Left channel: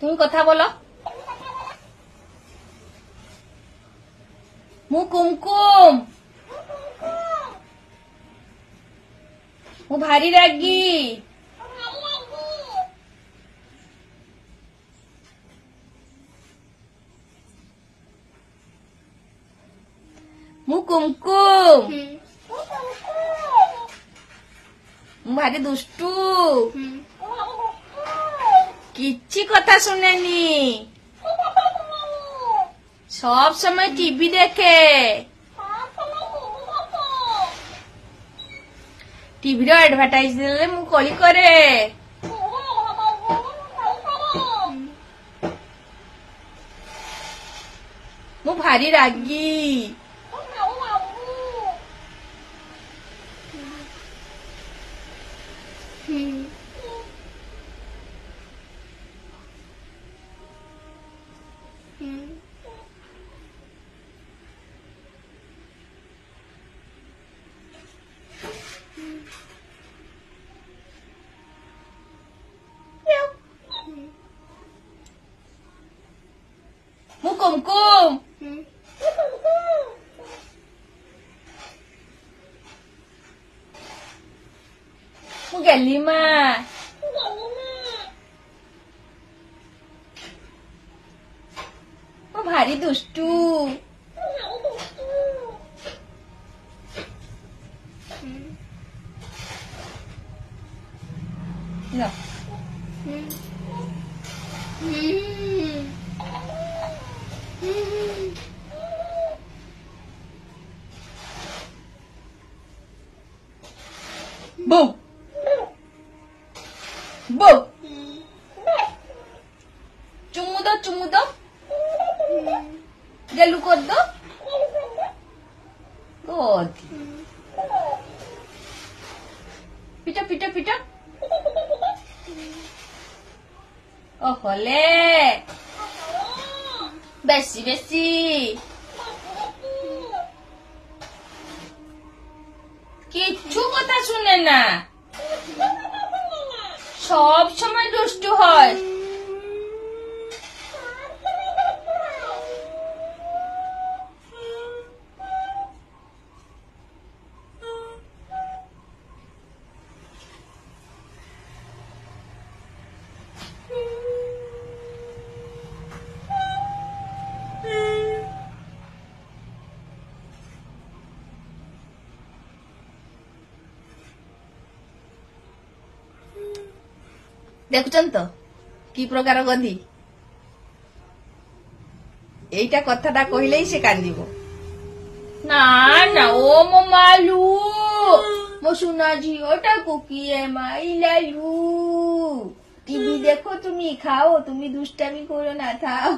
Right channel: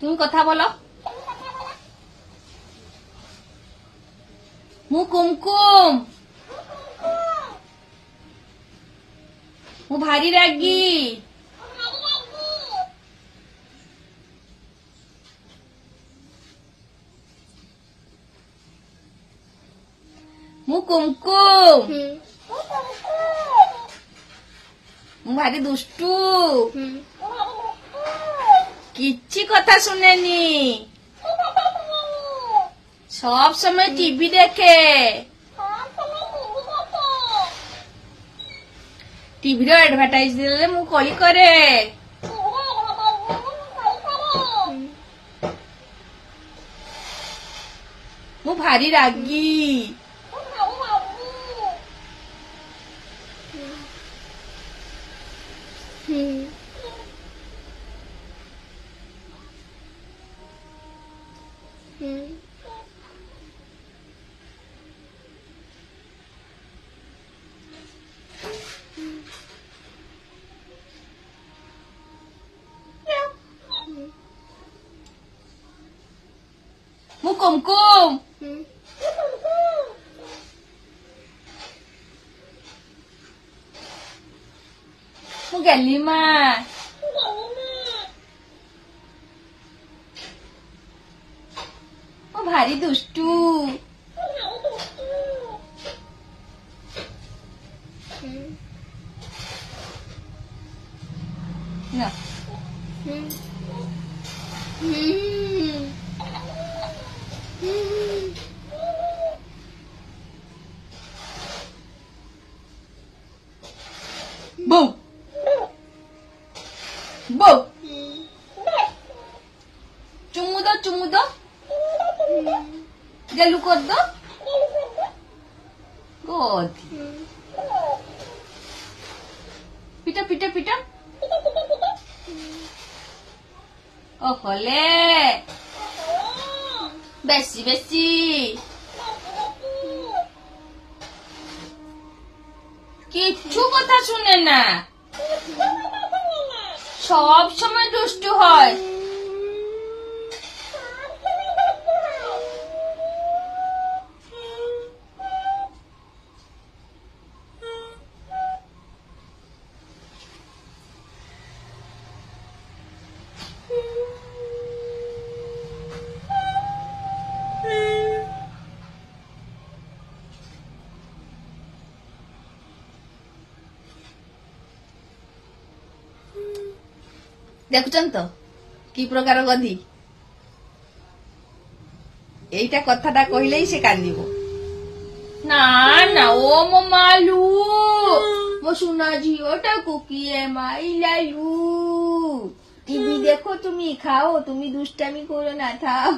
তুমি কথা বলো। ମୁଁ କୁମକୁମ। ମୁଁ ଭାରି ରାଗି। ମୁଁ କୁମକୁମ। ମୁଁ ଭାରି ଦୁଷ୍ଟୁ। କିଛି କଥା ଶୁଣେନି। सब समय टीवी देखे। टीवी रो एडवर्टाइज देले मु कली करे। मु भारी रागी। ମୁଁ କୁମକୁମ। ମୁଁ ଗେଲିମା। ମୁଁ ଭାରି ଦୁଷ୍ଟୁ। ନା Bom. Bom. Cumudo. Gelu kodo. God. Pita. Oh, kole. Besi. কিচ্ছু কথা শুনে না। সব সময় দুষ্টু হয়। দেখুছেন তো কি প্রকার গধি। এইটা কথাটা কহিলেই সে কান্দিব। না ও মো মালু মো সোনা ঝিওটাকু কিয়ে মাইলালু। টিভি দেখো তুমি, খাও তুমি, দুষ্টামি করো না, থাও।